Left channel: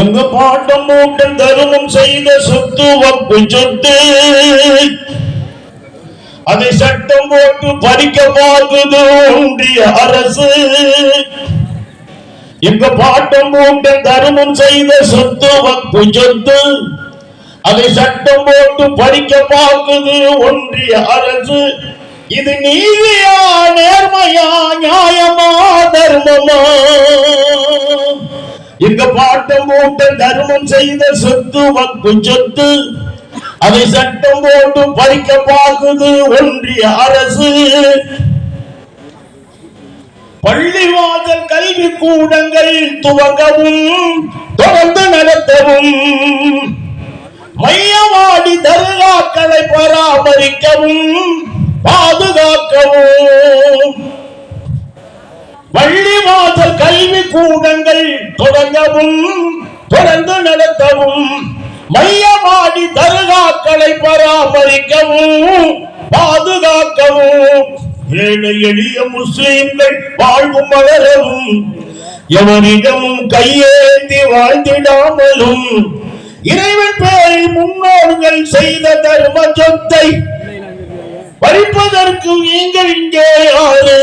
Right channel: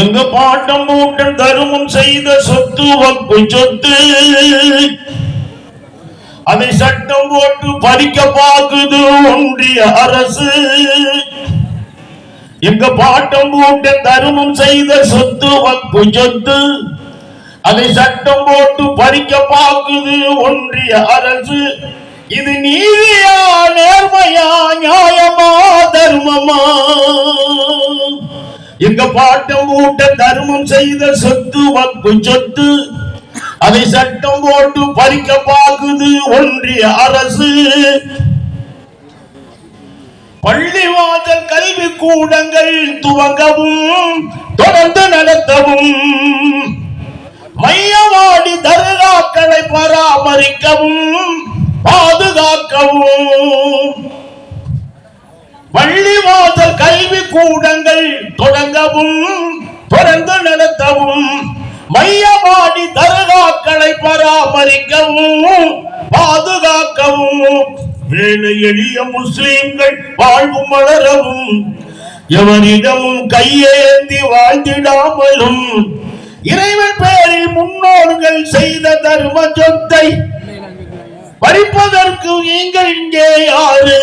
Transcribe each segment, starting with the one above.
எங்க பாட்டம் மூட்டன் தருமம் செய்த சொத்து வப்பு சொத்து. அதை சட்டம் போட்டு பறிக்க பார்க்குது ஒன்றிய அரசு. எங்க பாட்டம் மூட்டன் தருமம் செய்த சொத்து வப்பு சொத்து. அதை சட்டம் போட்டு பறிக்க பார்க்குது ஒன்றிய அரசு. இது நீதியா நேர்மையா நியாயமா தர்மமா? இந்த பாட்டம் போட்ட தர்மம் செய்த சொத்து வக்கு சொத்து. அதை சட்டம் போட்டு பறிக்க பார்க்குது ஒன்றிய அரசு. பள்ளிவாசல் கல்வி கூடங்கள் துவங்கவும் தொடர்ந்து நடத்தவும். மையவாடி தர்காக்களை பராமரிக்கவும். கூட்டங்கள் தொடங்கவும் தொடர்ந்து நடத்தவும் மையமாடி தர்காக்களை பராமரிக்கவும் பாதுகாக்கவும். ஏழை எளிய முஸ்லிம்கள் வாழ்வு மலரவும் எவரிடமும் கையேந்தி வாழ்ந்திடாமலும் இறைவன் பெயரில் முன்னோர்கள் செய்த தர்ம சொத்தை பறிப்பதற்கு நீங்கள் இங்கே யாரு?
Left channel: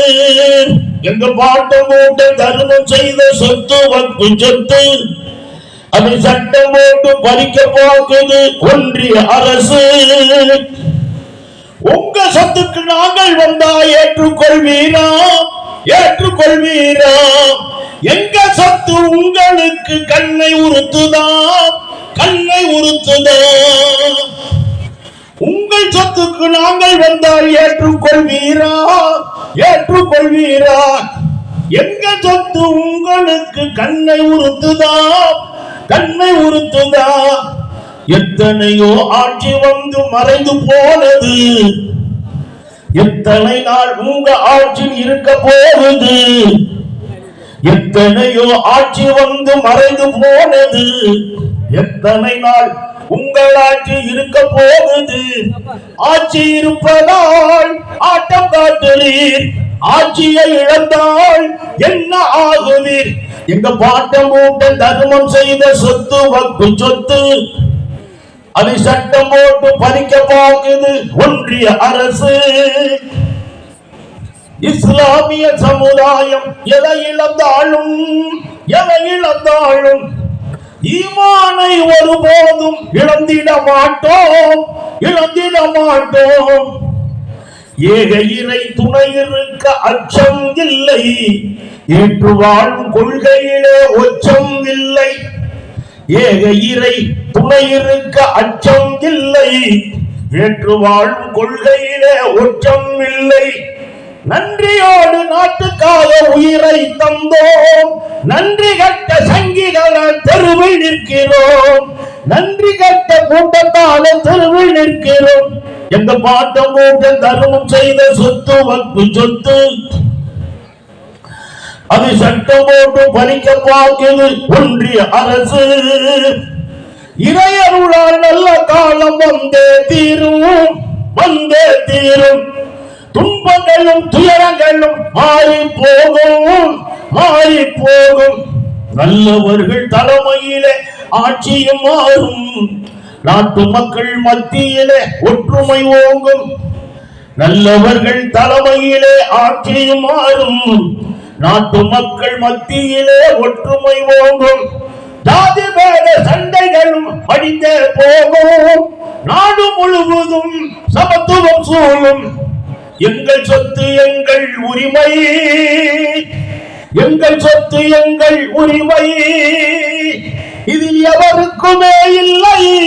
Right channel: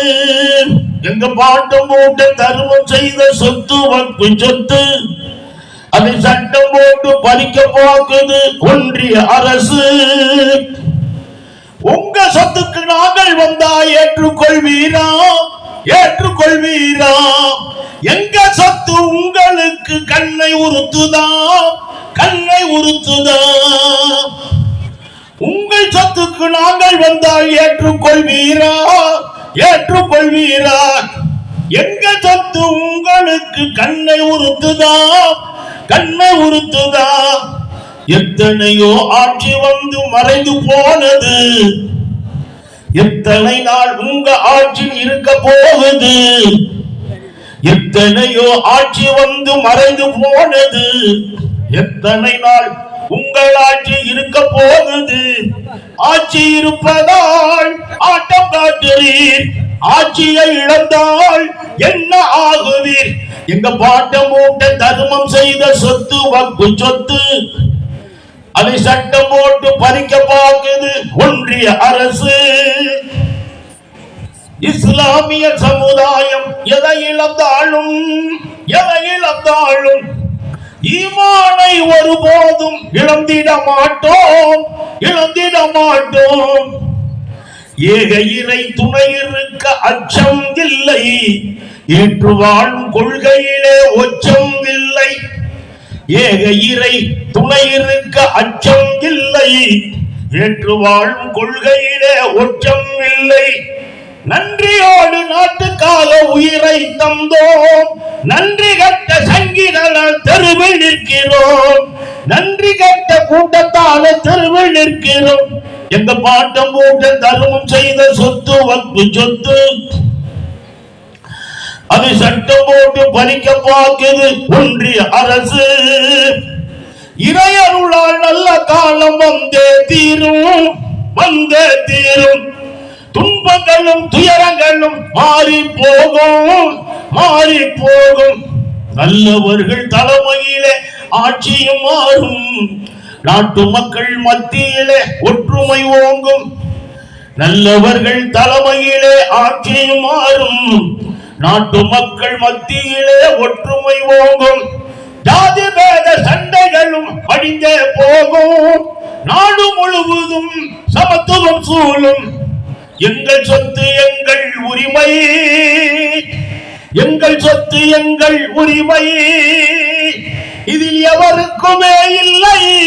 எங்க பாட்டம் போட்டு தர்மம் செய்த சொத்து வக்கு சொத்து? அதை சட்டம் போட்டு பறிக்க போக்குது ஒன்றிய அரசு. உங்க சொத்துக்கு நாங்கள் வந்தா ஏற்றுக்கொள்வீரா? ஏற்றுக்கொள்வீரா? எங்க சொத்து உங்களுக்கு கண்ணை உறுத்துதா? கண்ணை உறுத்துதா? நாள் வந்தால் ஏற்றுக்கொள்வீரா? ஏற்றுக்கொள்வீரா? எங்க சொத்து உங்களுக்கு கண்ணை உறுத்துதா? கண்ணை உறுத்துதா? எத்தனையோ ஆட்சி வந்து மறைந்து போனது. எத்தனை நாள் உங்க ஆட்சியில் இருக்க போகுது? எத்தனையோ ஆட்சி வந்து மறைந்து போனது. எத்தனை நாள் உங்கள் ஆட்சி இருக்க போகுது. ஆட்சி இருப்பதால் ஆட்டம் காட்டுறீர் ஆட்சியை இழந்தால் என்ன ஆகுவீர்? எங்க பாட்டம் மூட்ட தர்மம் செய்த சொத்து வக்கு சொத்து அதை சட்டம் போட்டு பறிக்க பார்க்குது ஒன்றிய அரசு. இஸ்லாமிய சமுதாயம் எதை இழந்தாலும் எதை இழந்தாலும் ஈமானை ஒருபோதும் இழந்திட மாட்டோம். இழந்திட மாட்டோம். ஏக இறை துணை இருக்க அச்சம் இல்லை. ஏற்று வாழும் கொள்கையிலே ஒச்சம் இல்லை. ஏக இறை துணை இருக்க அச்சம் இல்லை. ஏற்று வாழும் கொள்கையிலே ஒற்றம் இல்லை. நன்றியோடு நாட்டுக்காக உயிரை தந்தோம். நன்றி கட்ட சங்கீத நன்றி கட்ட கூட்டத்தால தெருவில் நிற்கிறோம். எந்த பாட்டம் கூட்டம் தர்மம் செய்த சொத்து வக்கு சொத்து. அது சட்டம் போட்டு பறிக்க பார்க்குது ஒன்றிய அரசு. இறையருளால் நல்ல காலம் வந்தே தீரும் வந்தே தீரும். துன்பங்களும் துயரங்களும் மாறி போகும் மாறி போகும். நல்லவர்கள் தலைமையிலே ஆட்சியும் மாறும். நாட்டு மக்கள் மத்தியிலே ஒற்றுமை ஓங்கும். நல்லவர்கள் தலைமையிலே ஆட்சியும் மாறும். நாட்டு மக்கள் மத்தியிலே ஒற்றுமை ஓங்கும். ஜாதி பேத சண்டைகளும் அடிந்தே போகும். நாடு முழுவதும் சமத்துவம் சூழும். எங்கள் சொத்து எங்கள் உரிமை. எங்கள் சொத்து எங்கள் உரிமை. இதில் எவருக்குமே இல்லை.